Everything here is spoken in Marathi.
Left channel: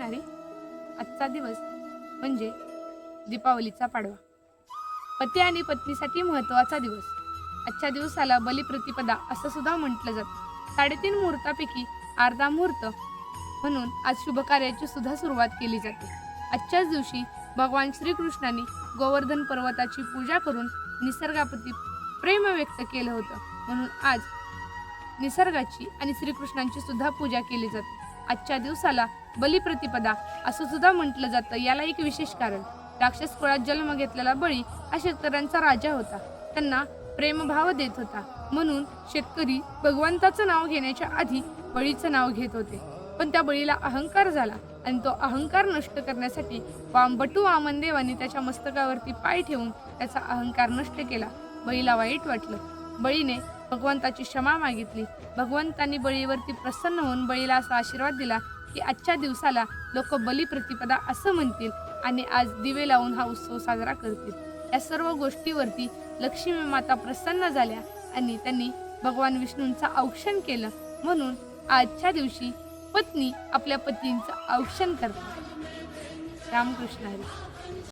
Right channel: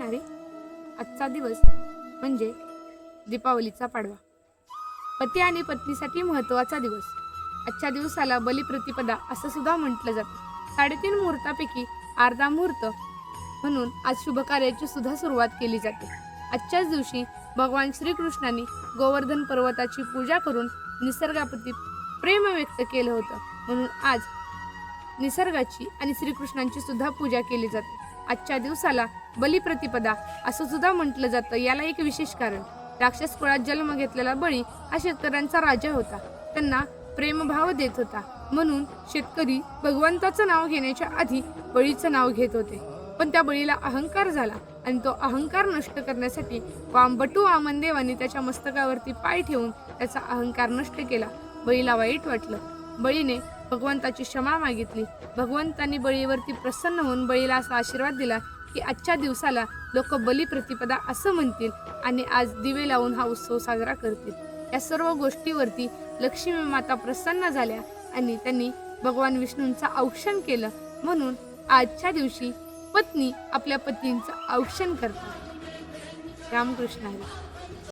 रामकृष्ण आजचा दिवस म्हणजे दीपावलीचा पाडवा. पती आणि पत्नीसाठी महत्त्वाचा दिवस. आजच्या दिवसाला बलिप्रतिपदा असं सुद्धा म्हटलं जातं. साडेतीन मुहूर्तापैकी अर्धा मुहूर्त म्हणून आज शुभकार्याची सुद्धा सुरुवात केली जाते. आजच्याच दिवशी भगवान श्रीकृष्णाने गोवर्धन पर्वताची पूजा करून निसर्गाप्रती प्रेम व्यक्त केलं होतं. म्हणून आज निसर्गाची आणि श्रीकृष्णांची सुद्धा पूजा केली जाते. आजच्या दिवसाला बलिप्रतिपदा असं सुद्धा म्हटलं जातं. याला एक विशेष कारण राक्षस कुळात जन्म घेतलेला बळी हा शेतकऱ्यांचा राजा होता. त्यांना प्रेमभाव देत होता. म्हणून शेतकरी भगवंताचं नाव घेण्याच्या आधी बळीचं नाव घेत होते. पण त्या बळीला अहंकार झाला आणि तो अहंकार नष्ट करण्यासाठी वामबटू वामनदेवाने त्याच्या मस्तकावरती पाय ठेवून त्याचा अहंकार नष्ट केला. बळीला वाईट वाटलं. बळीने भगवंताची क्षमा मागितली. भगवंतांनी बळीवरती प्रसन्न होऊन बळीला असा आशीर्वाद दिला की आजच्या दिवसाला लोक बलिप्रतिपदा असं म्हणतील आणि आज दिवे लावून हा उत्सव साजरा करतील. या सर्व गोष्टीवरती लक्ष्मी माता प्रसन्न झाल्या आणि त्यांनी भगवान विष्णूंचं औक्षण केलं. म्हणून आजच्या दिवशी पत्नी आपल्या पतींचं औक्षण करते रामकृष्ण हरी.